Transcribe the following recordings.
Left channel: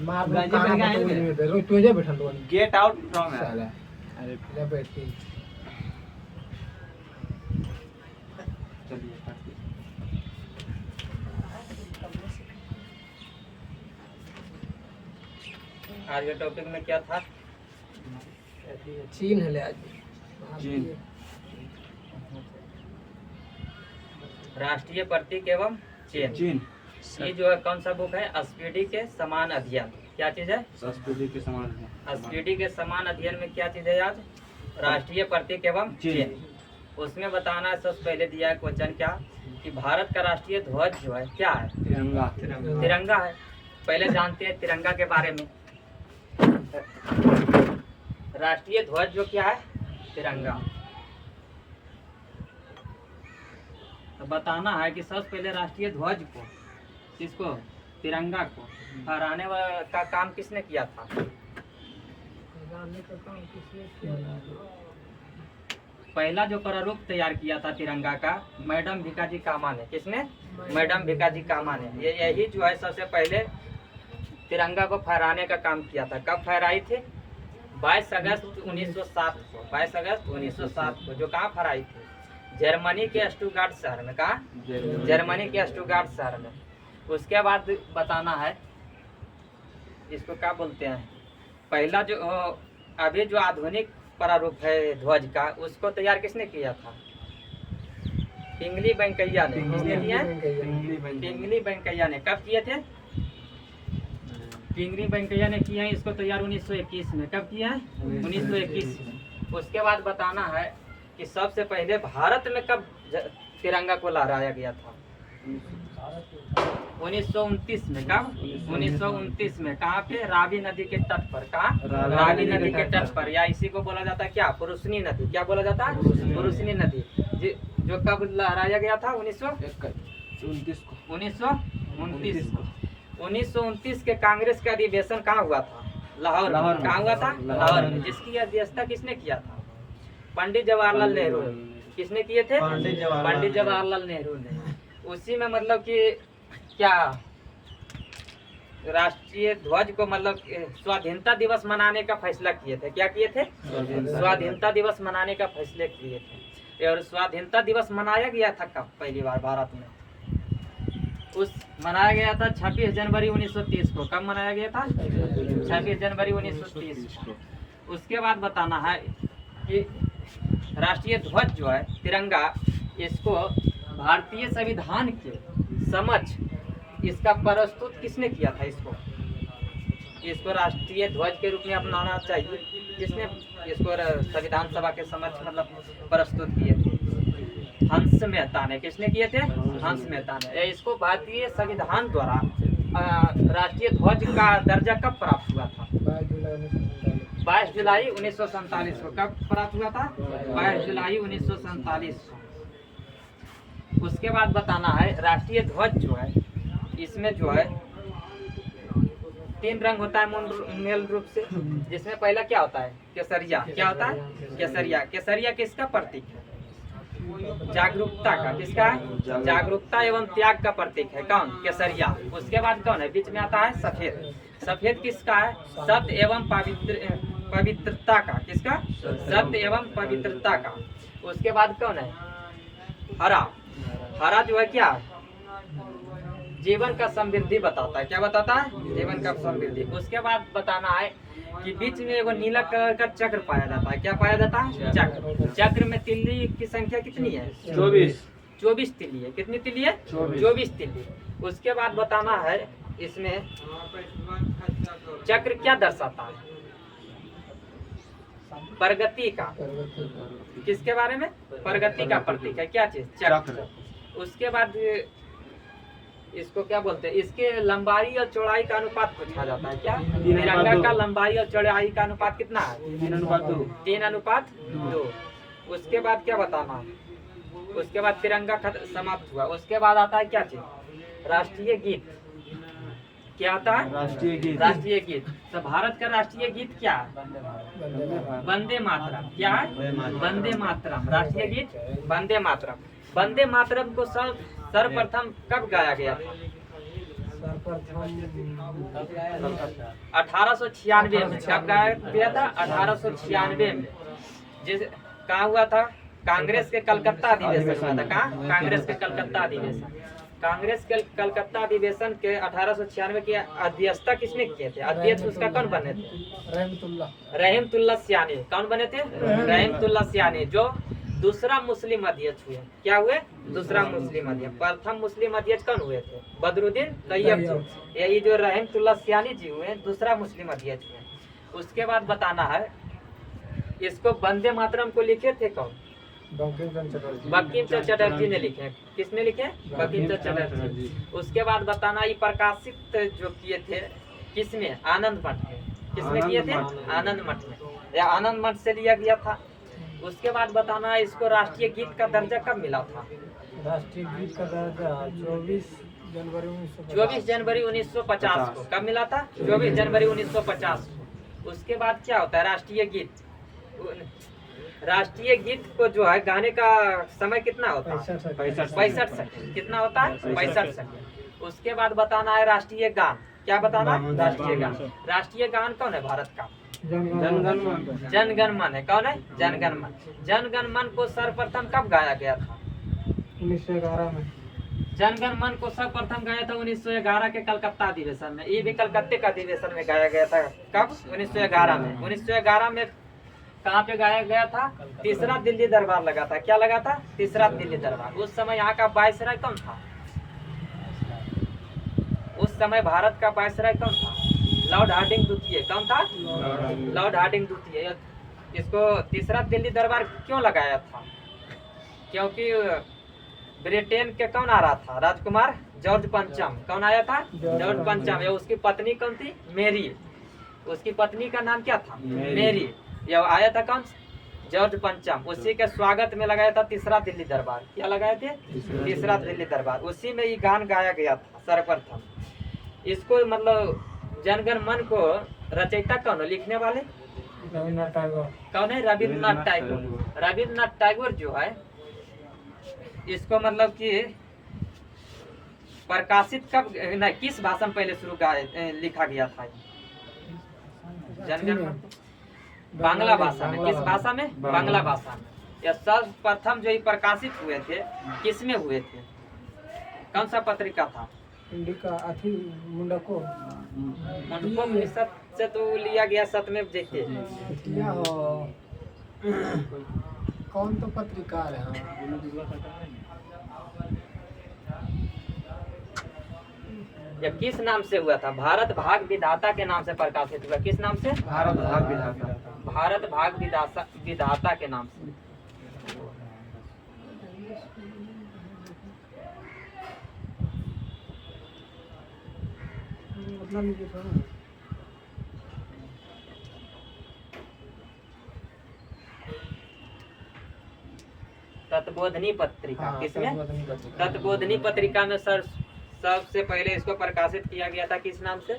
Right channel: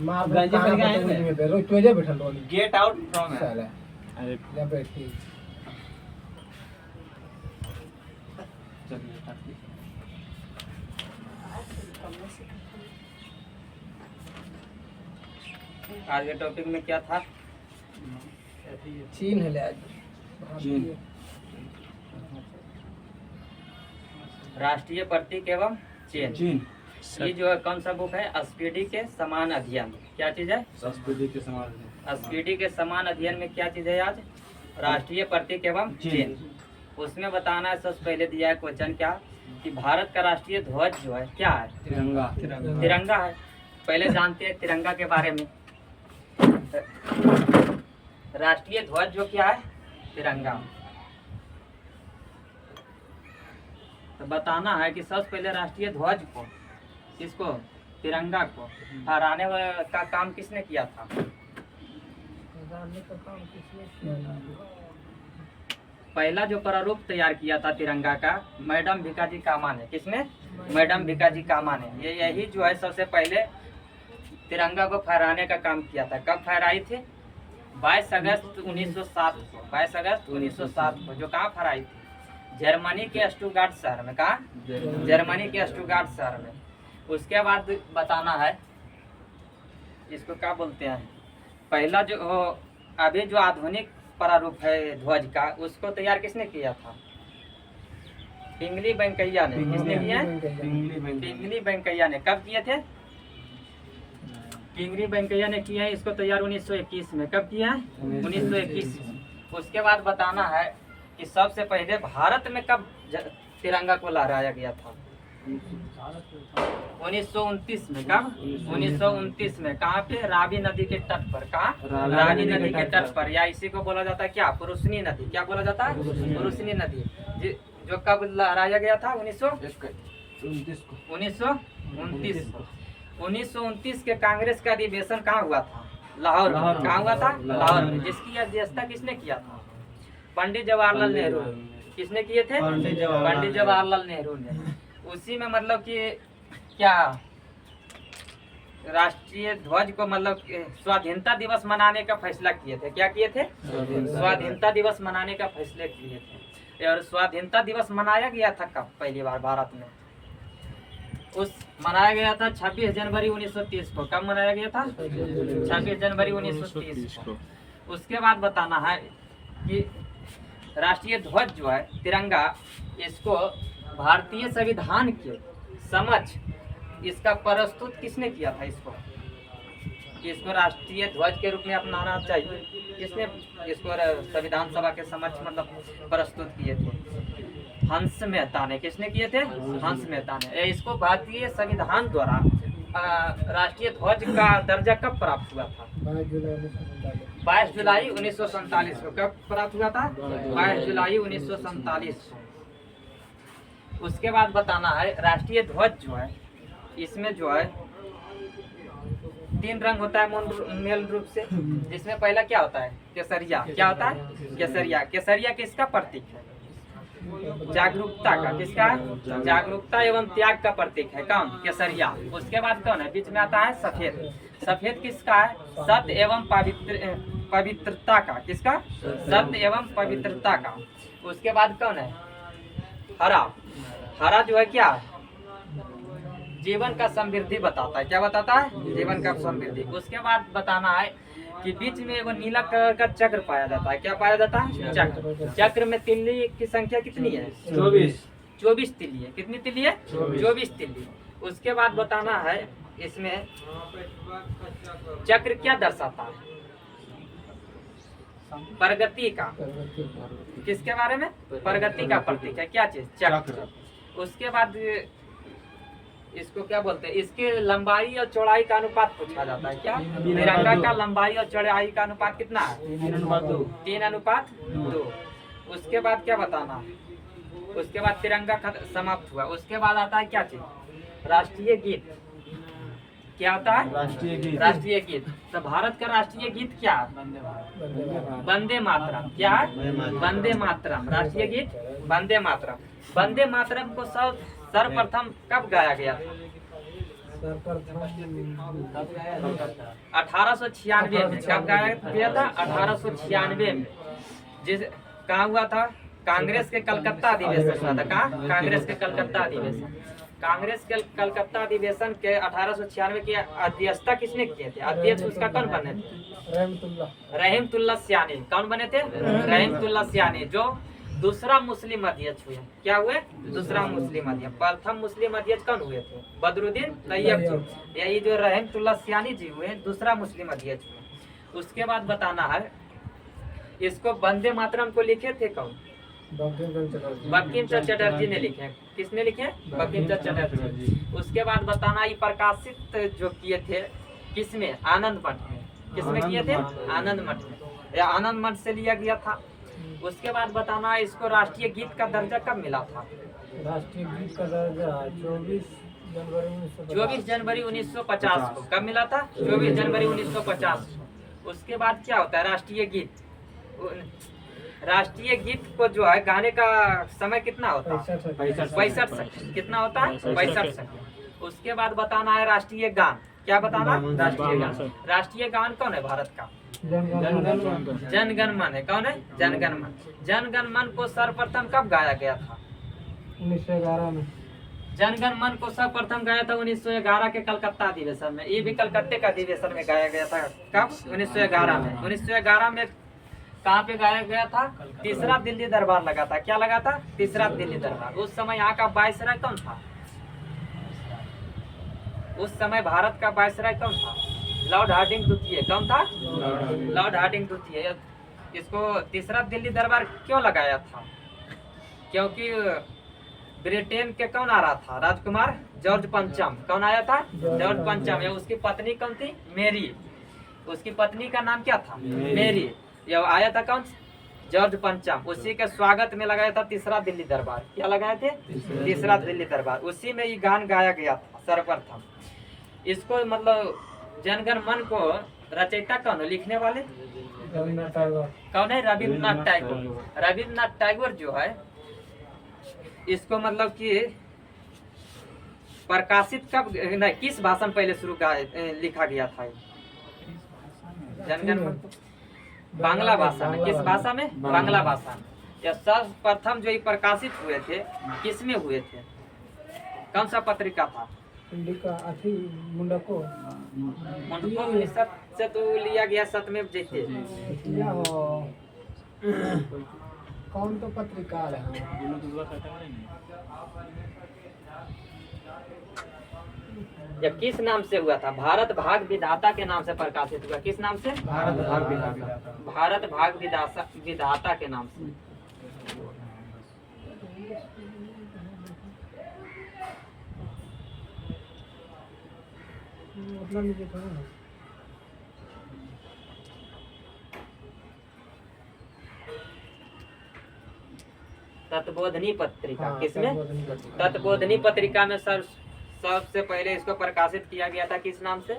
गंजे पहन के आए थे रोज तुझे बैठल लोनी गेट आउट फ्रॉम है। साला अरे ले बैठती चलिए काटिए। आज के टॉपिक में क्या था? चीन है ले आज चीन। राष्ट्रीय प्रतीक एवं चिन्ह। चीन ये जो है कौन सा बुक है? स्पीडी के समान अध्ययन। क्या चीज है? संस्कृति के समान है। स्पीडी के समान अध्ययन में क्या चीज है आज? राष्ट्रीय प्रतीक एवं चिन्ह। उसमें बताना है, सबसे पहले दिया है क्वेश्चन क्या कि भारत का राष्ट्रीय ध्वज जो है क्या है? तिरंगा। तिरंगा है। पहले जानते हैं तिरंगा के बारे में। राष्ट्रीय ध्वज जो क्या है? तिरंगा। तो बताना है कि सबसे पहले राष्ट्रीय ध्वज को, किसको? तिरंगा को फहराने का काम किसने किया था? पहला जो प्रारूप तैयार किया था तिरंगा का, मैडम भिकाजी कामा ने। किसने? मैडम भिकाजी कामा ने। ये यही जो है सबसे पहले तिरंगा को फहराने का काम किया था। कब फहराई थी? 22 अगस्त 1907 को। 22 अगस्त 1907 को। जो कहाँ फहराई थी? जर्मनी के स्टुटगार्ट शहर में। कहाँ? जर्मनी के स्टुटगार्ट शहर में। उसके बाद बताना है, इसको क्या बोलते हैं, पहला जो अभी जो आधुनिक प्रारूप है ध्वज का, उसको तैयार किसने किया था? पिंगली वेंकैया ने। किसने किया है? पिंगली वेंकैया ने। कब किए थे? पिंगली वेंकैया ने किया है इसको तैयार 1921 में। कब किया है? 1921 में। उसके बाद बताना है कि सबसे पहले भारत में कब तिरंगा को लहराया गया था? 1929 में। कब? 1929 में। कहाँ पे? रावी नदी के तट पर। कहाँ? रावी नदी के तट पर। या इसी को बोला जाता है क्या? पुरुषनी नदी। क्या बोला जाता है? पुरुषनी नदी। जो कब लहराया गया था? 1929 को। 1929 के कांग्रेस का अधिवेशन कहाँ हुआ था? लाहौर में। कहाँ हुआ था? लाहौर में। जिसकी अध्यक्षता किसने किया था? पंडित जवाहरलाल नेहरू। किसने किए थे? पंडित जवाहरलाल नेहरू ने। उसी में मतलब कि क्या राष्ट्रीय ध्वज को मतलब स्वाधीनता दिवस मनाने का फैसला किए थे। क्या किए थे? स्वाधीनता दिवस मनाने का फैसला किए थे। और स्वाधीनता दिवस मनाया गया था कब पहली बार भारत में? मनाया गया था 26 जनवरी 1930 को। कब मनाया गया था? 26 जनवरी 1930 को। उसके बाद बताना है कि राष्ट्रीय ध्वज जो है तिरंगा, इसको भारतीय संविधान के समक्ष इसका प्रस्तुत किसने किया था? इसको राष्ट्रीय ध्वज के रूप में अपनाना चाहिए। किसने इसको संविधान सभा के समक्ष मतलब प्रस्तुत किए थे? हंस मेहता ने। किसने किए थे? हंस मेहता ने। इसको भारतीय संविधान द्वारा राष्ट्रीय ध्वज का दर्जा कब प्राप्त हुआ था? 22 जुलाई 1947 को। कब प्राप्त हुआ था? 22 जुलाई 1947 को। उसके बाद बताना है राष्ट्रीय ध्वज जो है, इसमें जो है 3 रंग होता है मूल रूप से। जिसमें पहला क्या होता है? केसरिया। क्या होता है? केसरिया। केसरिया किसका प्रतीक है? जागरूकता का। किसका है? जागरूकता एवं त्याग का प्रतीक है। कौन? केसरिया। उसके बाद कौन है? बीच में आता है सफेद। सफेद किसका है? सत्य एवं पवित्रता का। किसका? सत्य एवं पवित्रता का। उसके बाद कौन है? हरा। हरा जो है क्या? जीवन का समृद्धि बताता है। क्या बताता है? जीवन का समृद्धि। उसके बाद बताना है कि बीच में एगो नीला कलर का चक्र पाया जाता है। क्या पाया जाता है? चक्र। चक्र में तिल्ली की संख्या कितनी है? 24 तिल्ली है। कितनी तिल्ली है? 24 तिल्ली। उसके बाद बताना है इसमें चक्र क्या दर्शाता है? प्रगति का। किसके बारे में? प्रगति का प्रतीक है। क्या चीज? चक्र। उसके बाद इसको क्या बोलते हैं? इसके लंबाई और चौड़ाई का अनुपात पूछा जाता है। क्या? तिरंगा का लंबाई और चौड़ाई का अनुपात कितना है? 3:2। उसके बाद क्या बताना है? उसके बाद तिरंगा समाप्त हुआ। उसके बाद आता है क्या चीज? राष्ट्रीय गीत। क्या होता है? राष्ट्रीय गीत। राष्ट्रीय गीत। तो भारत का राष्ट्रीय गीत क्या है? वंदे मातरम। क्या है? वंदे मातरम। राष्ट्रीय गीत वंदे मातरम। वंदे मातरम को सर्वप्रथम कब गाया गया था? 1896 में कब गाया गया था? 1896 में। जिस कहाँ हुआ था? कांग्रेस के कलकत्ता अधिवेशन हुआ था। कहाँ? कांग्रेस के कलकत्ता अधिवेशन। कांग्रेस के कलकत्ता अधिवेशन के 1896 की अध्यक्षता किसने किए थे? अध्यक्ष उसका कौन बने थे? रहीमतुल्लाह सियानी। कौन बने थे? रहीमतुल्लाह सियानी, जो दूसरा मुस्लिम अध्यक्ष हुए। क्या हुए? दूसरा मुस्लिम अध्यक्ष। प्रथम मुस्लिम अध्यक्ष कौन हुए थे? बदरुद्दीन तैयब जी। यही जो रहीमतुल्लाह सियानी जी हुए, दूसरा मुस्लिम अध्यक्ष हुए। उसके बाद बताना है, इसको वंदे मातरम को लिखे थे कौन? बंकिम चंद्र चटर्जी ने लिखे। किसने लिखे? बंकिम चंद्र चटर्जी। उसके बाद बताना, ये प्रकाशित जो किए थे किसमें? आनंद मठ में। किसमें किए थे? आनंद मठ में। या आनंद मठ से लिया गया था। उसके बाद बताना, इसको राष्ट्रीय गीत का दर्जा कब मिला था? राष्ट्रीय गीत का दर्जा 24 जनवरी 1950 को। कब मिला था? 24 जनवरी 1950 को। उसके बाद क्या होता है? राष्ट्रीय गीत। राष्ट्रीय गीत को जो है गाने का समय कितना होता है? 65 सेकंड। कितना होता है? 65 सेकंड। उसके बाद बताना है राष्ट्रीय गान। क्या बताना? राष्ट्रीय गान। राष्ट्रीय गान कौन है भारत का? जनगण मन है। कौन है? जनगण मन। जनगण मन को सर्वप्रथम कब गाया गया था? 1911 में। जनगण मन को सर्वप्रथम गाया था 1911 के कलकत्ता अधिवेशन में। ये भी कलकत्ते का अधिवेशन में गाया गया था। कब? 1911 में। 1911 में कहाँ पे गाया गया था? तीसरा दिल्ली दरबार लगा था। क्या लगा था? तीसरा दिल्ली दरबार। उस समय यहाँ का वायसराय कौन था? उस समय भारत का वायसराय कौन था? लॉर्ड हार्डिंग द्वितीय। कौन था? लॉर्ड हार्डिंग द्वितीय। इसको तीसरा दिल्ली दरबार क्यों लगाया था? क्योंकि ब्रिटेन के कौन आ रहा था? राजकुमार जॉर्ज पंचम। कौन आया था? जॉर्ज पंचम। या उसकी पत्नी कौन थी? मेरी। उसकी पत्नी का नाम क्या था? मेरी। यह आया था कौन? जॉर्ज पंचम। उसी के स्वागत में लगाया था तीसरा दिल्ली दरबार। क्या लगाए थे? तीसरा दिल्ली दरबार। उसी में ये गान गाया गया था सर्वप्रथम। इसको मतलब जनगण मन को रचयिता कौन है? लिखने वाले रविन्द्रनाथ टैगोर। कौन है? रविन्द्रनाथ टैगोर। रविन्द्रनाथ टैगोर जो है, इसको मतलब कि प्रकाशित कब नहीं, किस भाषा में पहले शुरू लिखा गया था? जनगण मन बांग्ला भाषा में। किस भाषा में? बांग्ला भाषा में। यह सर्वप्रथम जो ये प्रकाशित हुए थे, किसमें हुए थे? कौन सा पत्रिका था? मुंडको से तो लिया गया सत्यमेव जयते। कौन तो पत्रिका है? जब किस नाम से हुआ था? भारत भाग विधाता के नाम से प्रकाशित हुआ। किस नाम से? भारत भाग विधाता। भारत भाग विधाता के नाम से। मतलब ये था ना, तत्बोधनी पत्रिका। हाँ, किसमें? तत्बोधनी पत्रिका में सबसे पहले इसको प्रकाशित किया गया था। किस नाम से?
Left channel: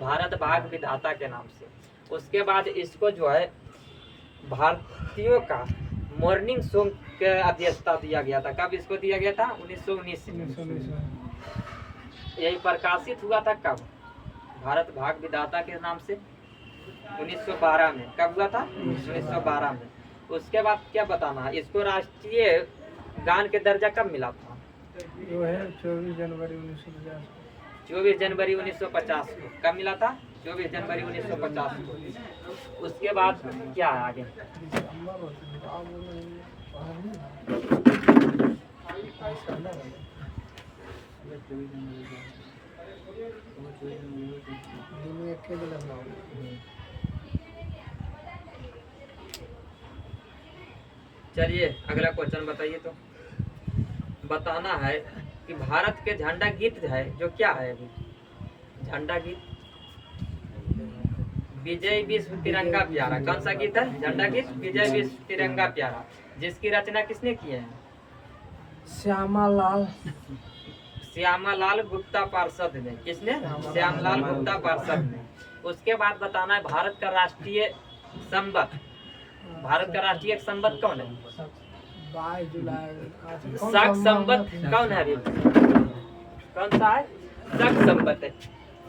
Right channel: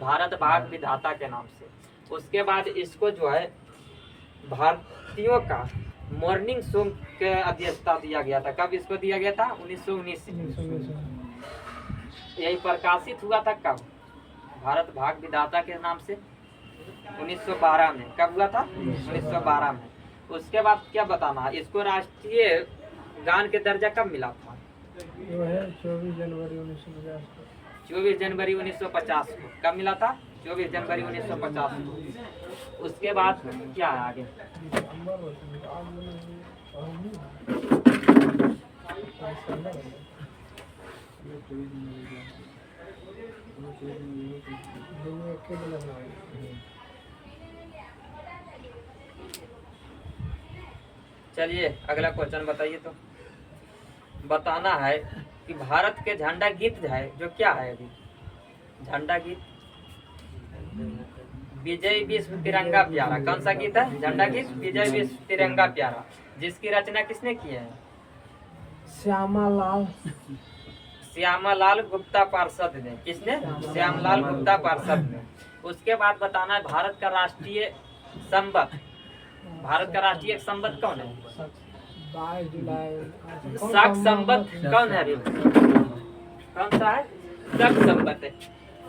भारत भाग विधाता के नाम से। उसके बाद इसको जो है भारतीयों का मॉर्निंग शो के अध्यक्षता दिया गया था। कब इसको दिया गया था? 1919 में। यही प्रकाशित हुआ था कब? भारत भाग विधाता के नाम से 1912 में। कब हुआ था? 1912 में। उसके बाद क्या बताना है? इसको राष्ट्रीय गान के दर्जा कब मिला था? वो है 24 जनवरी 1950 को। 24 जनवरी 1950 को। कब मिला था? 24 जनवरी 1950 को। उसके बाद क्या है आगे? चलिए अगला क्वेश्चन बताइए। तो बताना है कि भारत के झंडा गीत है जो क्या है अभी? झंडा गीत विजय विश्व तिरंगा प्यारा। कौन सा गीत है? झंडा गीत विजय विश्व तिरंगा प्यारा। जिसकी रचना किसने की है? श्यामालाल गुप्ता पार्षद ने। किसने? श्यामलाल गुप्ता पार्षद ने। उसके बाद बताना है भारत का राष्ट्रीय संबत। भारत का राष्ट्रीय संबत कौन है? 22 जुलाई। शक संबत कौन है अभी? कौन सा है? शक संबत है।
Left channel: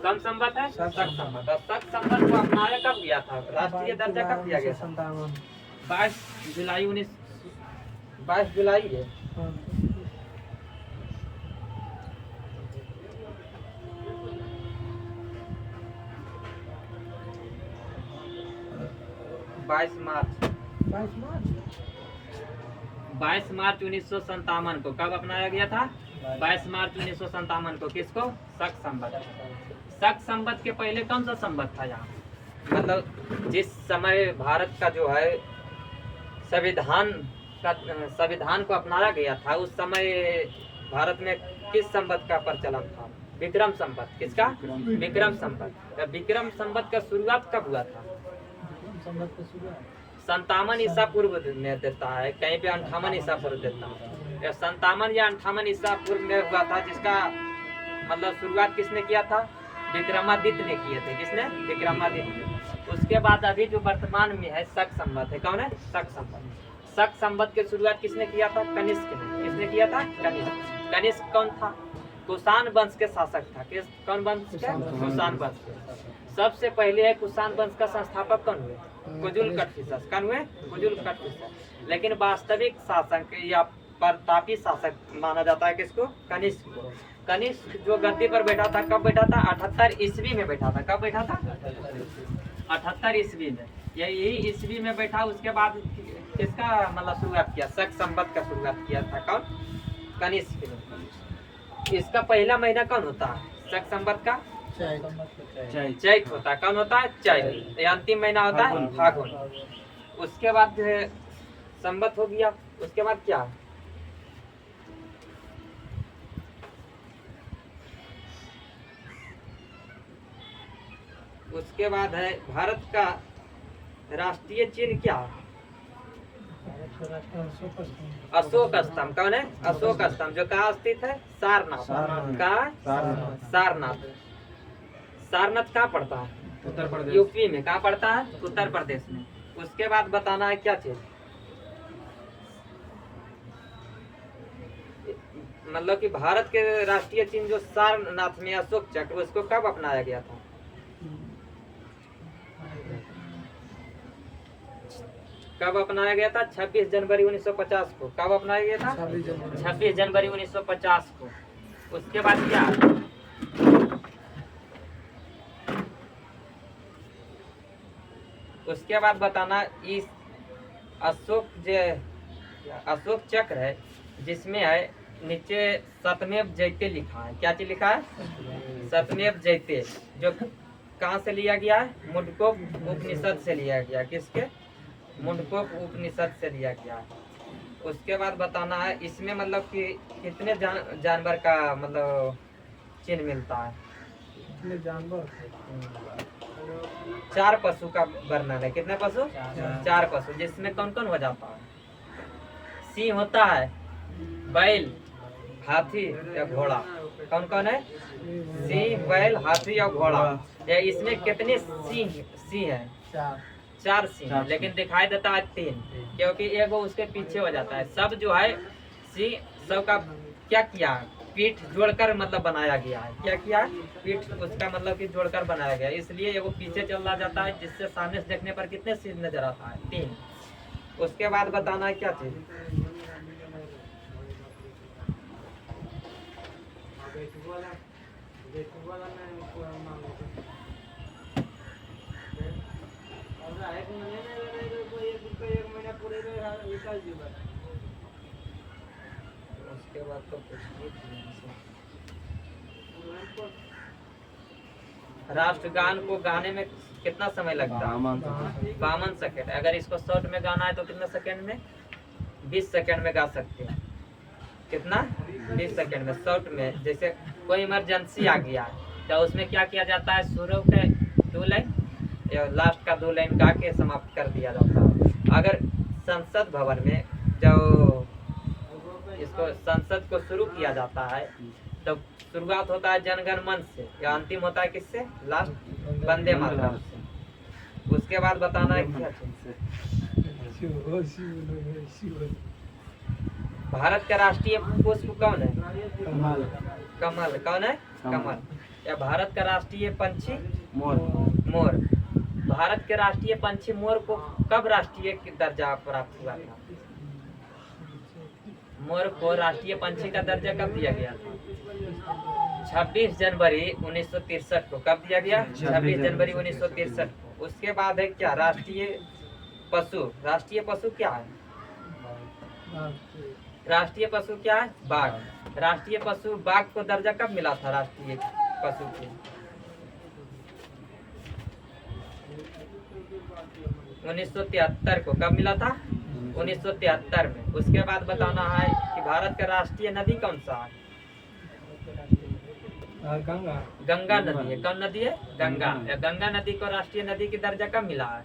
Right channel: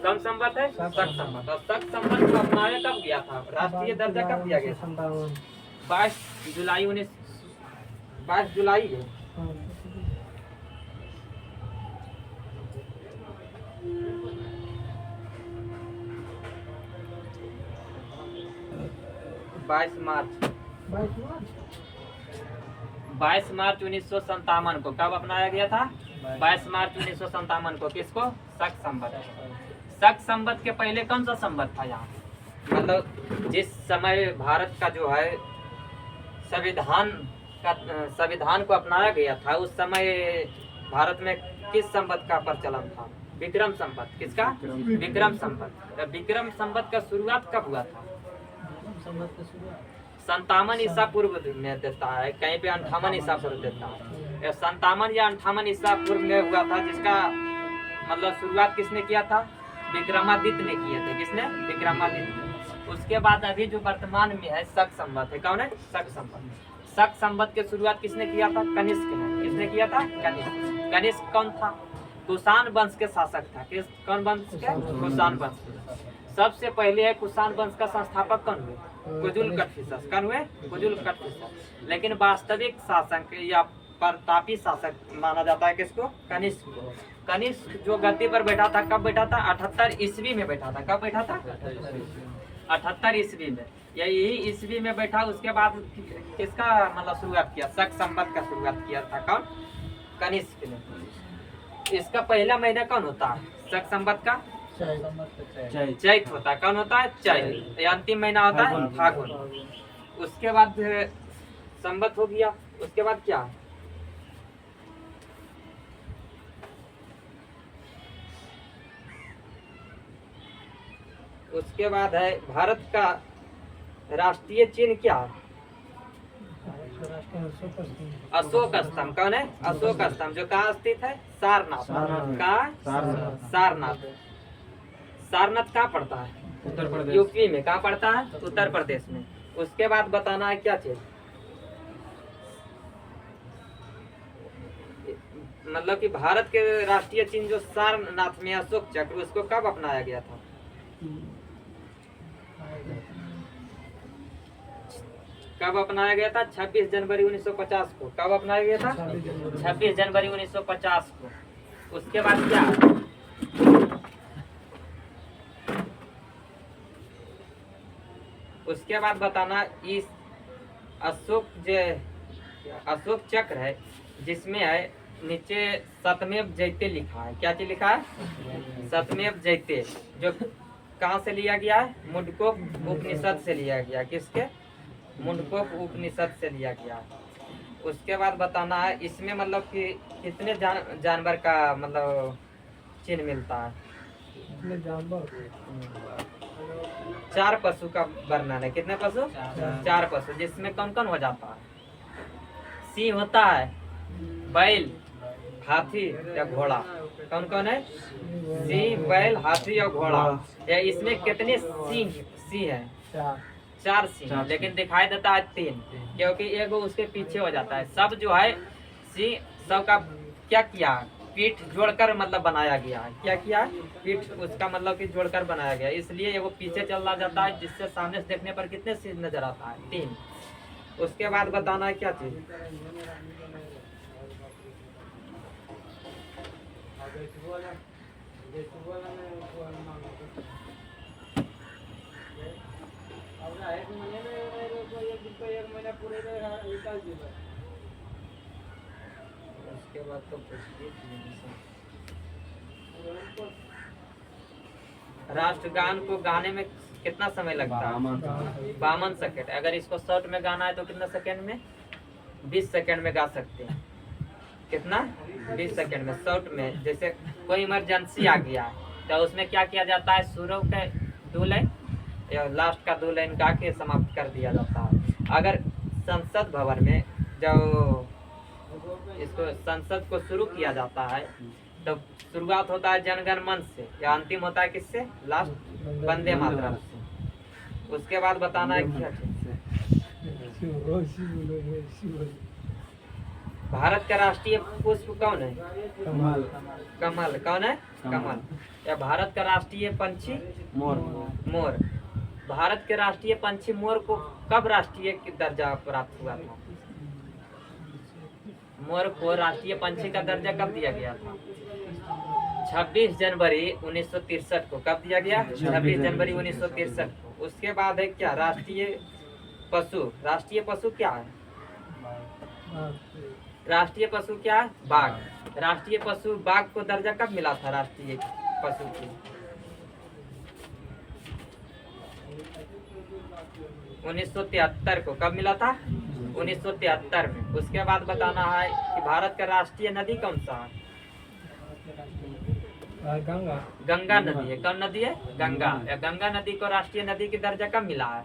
कौन संवत है? शक संवत। और शक संवत को अपनाया कब गया था? राष्ट्रीय दर्जा कब दिया गया था? 22 जुलाई 22 जुलाई है। हाँ। 22 मार्च 22 मार्च 1957 को कब अपनाया गया था? 22 मार्च 1957 को। किसको? शक संवत। शक संवत के पहले कौन सा संवत था यहाँ? मतलब जिस समय भारत का जो है संविधान को अपनाया गया था, उस समय भारत में किस संवत का प्रचलन था? विक्रम संवत। किसका? विक्रम संवत। विक्रम संवत का शुरुआत कब हुआ था? 57 ईसा पूर्व में देता है, कहीं पे 58 ईसा पूर्व देता है। 57 या 58 ईसा पूर्व में हुआ था, जिसका मतलब शुरुआत किसने किया था? विक्रमादित्य ने किए थे। किसने? विक्रमादित्य। उसके बाद अभी जो वर्तमान में है शक संवत है। कौन है? शक संवत। शक संवत की शुरुआत किसने किया था? कनिष्क ने। किसने किया था? कनिष्क। कनिष्क कौन था? कुषाण वंश के शासक था। किस कौन वंश के? कुषाण वंश के। सबसे पहले है कुषाण वंश का संस्थापक कौन हुए? कुजुल कटफिसस। कौन हुए? कुजुल कटफिसस। लेकिन वास्तविक शासक या प्रतापी शासक माना जाता है किसको? कनिष्क को। कनिष्क जो गद्दी पर बैठा था, कब बैठा था? 78 ईस्वी में बैठा था। कब बैठा था? 78 ईस्वी में। यही ईस्वी में बैठा। उसके बाद किसका मतलब शुरुआत किया? शक संवत का शुरुआत किया था। कौन? कनिष्क ने। इसका पहला महीना कौन होता है? शक संवत का चैत होता है। कौन होता है? चैत। ये अंतिम महीना होता है फागुन। उसके बाद संवत हो गया। उसके बाद क्या? उसके बाद है भारत का राष्ट्रीय चिन्ह क्या है? अशोक स्तंभ। कौन है? अशोक स्तंभ। जो कहाँ स्थित है? सारनाथ। कहाँ? सारनाथ। सारनाथ कहाँ पड़ता है? उत्तर प्रदेश। यूपी में। कहाँ पड़ता है? उत्तर प्रदेश में। उसके बाद बताना है क्या चीज? मतलब कि भारत के राष्ट्रीय चिन्ह जो सारनाथ में अशोक चक्र, उसको कब अपनाया गया था? कब अपनाया गया था? 26 जनवरी 1950 को। कब अपनाया गया था? 26 जनवरी 1950 को। उसके बाद क्या? उसके बाद बताना इस अशोक चक्र है, जिसमें है नीचे सतमेव जयते लिखा है। क्या चीज लिखा है? सतमेव जयते। जो कहाँ से लिया गया है? मुंडकोप उपनिषद से लिया गया। किसके? मुंडकोप उपनिषद से लिया गया है। उसके बाद बताना है इसमें मतलब कि कितने जानवर का मतलब चिन्ह मिलता है? जानवर 4 पशु का वर्णन है। कितने पशु? 4 पशु। जिसमें कौन कौन हो जाता है? सिंह होता है, बैल, हाथी या घोड़ा। कौन कौन है? सिंह, बैल, हाथी और घोड़ा। या इसमें कितने सिंह है? 4 सिंह। लेकिन दिखाई देता है 3, क्योंकि एगो उसके पीछे हो जाता है। सब जो है सिंह सबका क्या किया? पीठ जोड़कर मतलब बनाया गया है। क्या किया है? पीठ उसका मतलब कि जोड़कर बनाया गया है। इसलिए एगो पीछे चला जाता है, जिससे सामने से देखने पर कितने सिंह नजर आता है? 3। उसके बाद बताना है क्या चीज? उसके बाद तो राष्ट्रगान को गाने में कितना समय लगता है? 52 सेकेंड। अगर इसको शॉर्ट में गाना है तो कितना सेकेंड में? 20 सेकेंड में गा सकते हैं। कितना? 20 सेकेंड में। शॉर्ट में जैसे कोई इमरजेंसी आ गया है तो उसमें क्या किया जाता है? शुरू के 2 लाइन या लास्ट का 2 लाइन गा के समाप्त कर दिया जाता है। अगर संसद भवन में जो इसको संसद को शुरू किया जाता है तो शुरुआत होता है जनगण मन से, या अंतिम होता है किससे? लास्ट वंदे मातरम से। उसके बाद बताना है क्या? भारत का राष्ट्रीय पुष्प कौन है? कमल। कमल। कौन है? कमल। या भारत का राष्ट्रीय पंछी मोर। मोर। भारत के राष्ट्रीय पंछी मोर को कब राष्ट्रीय दर्जा प्राप्त हुआ था? मोर को राष्ट्रीय पंछी का दर्जा कब दिया गया था? 26 जनवरी 1963 को। कब दिया गया? 26 जनवरी 1963 को। उसके बाद है क्या? राष्ट्रीय पशु। राष्ट्रीय पशु क्या है? राष्ट्रीय पशु क्या है? बाघ। राष्ट्रीय पशु बाघ को दर्जा कब मिला था राष्ट्रीय पशु को? 1973 को। कब मिला था? 1973 में। उसके बाद बताना है कि भारत का राष्ट्रीय नदी कौन सा है? गंगा। गंगा नदी है। कौन नदी है? गंगा। या गंगा नदी को राष्ट्रीय नदी की दर्जा कब मिला है?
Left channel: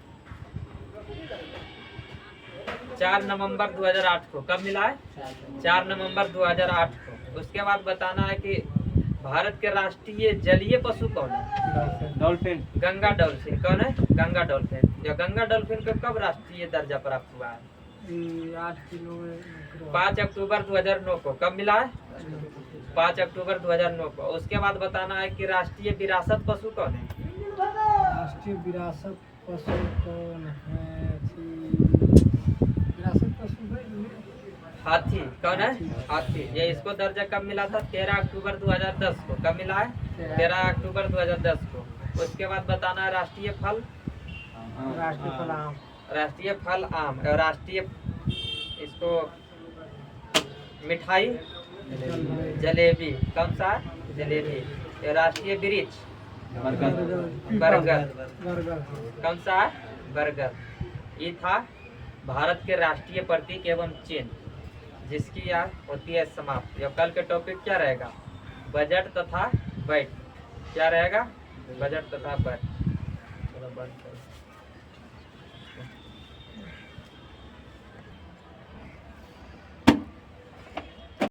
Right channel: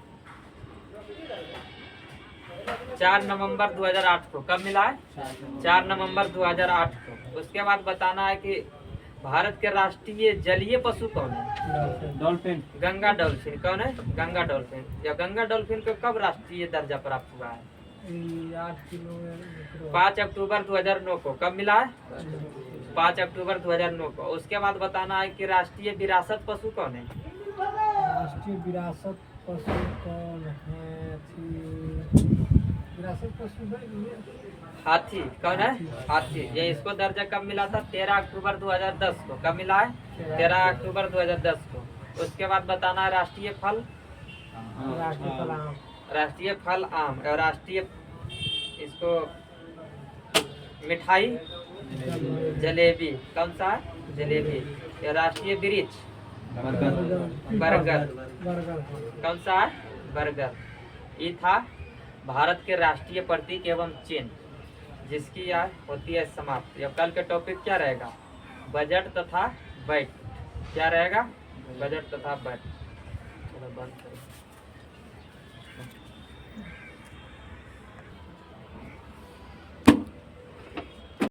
4 नवंबर 2008 को। कब मिला है? 4 नवंबर 2008 को। उसके बाद बताना है कि भारत के राष्ट्रीय जलीय पशु कौन है? डॉल्फिन। गंगा डॉल्फिन। कौन है? गंगा डॉल्फिन। या गंगा डॉल्फिन को कब राष्ट्रीय दर्जा प्राप्त हुआ है? 8 किलो। 5 अक्टूबर 2009 को। कब मिला है? 5 अक्टूबर 2009 को। उसके बाद बताना है कि राष्ट्रीय विरासत पशु कौन है? राष्ट्रीय विरासत पशु कौन है? विरासत पशु हाथी। कौन है? हाथी। ये इसको दर्जा कब मिला था? 13 अक्टूबर 2010 को। कब मिला है? 13 अक्टूबर 2010 को। उसके बाद बताना है राष्ट्रीय फल। राष्ट्रीय फल आम। राष्ट्रीय फल आम। और राष्ट्रीय इसको मिठाई जलेबी। कौन सा है? जलेबी। ये राष्ट्रीय वृक्ष बरगद। कौन सा है? बरगद। ये था भारत के राष्ट्रीय प्रतीक एवं चिन्ह, जिसकी यह होती है समाप्त। अब कल के टॉपिक क्या रहेगा? बजट तथा बजट। क्या रहेगा? बजट तथा बजट। चलो बंद करो।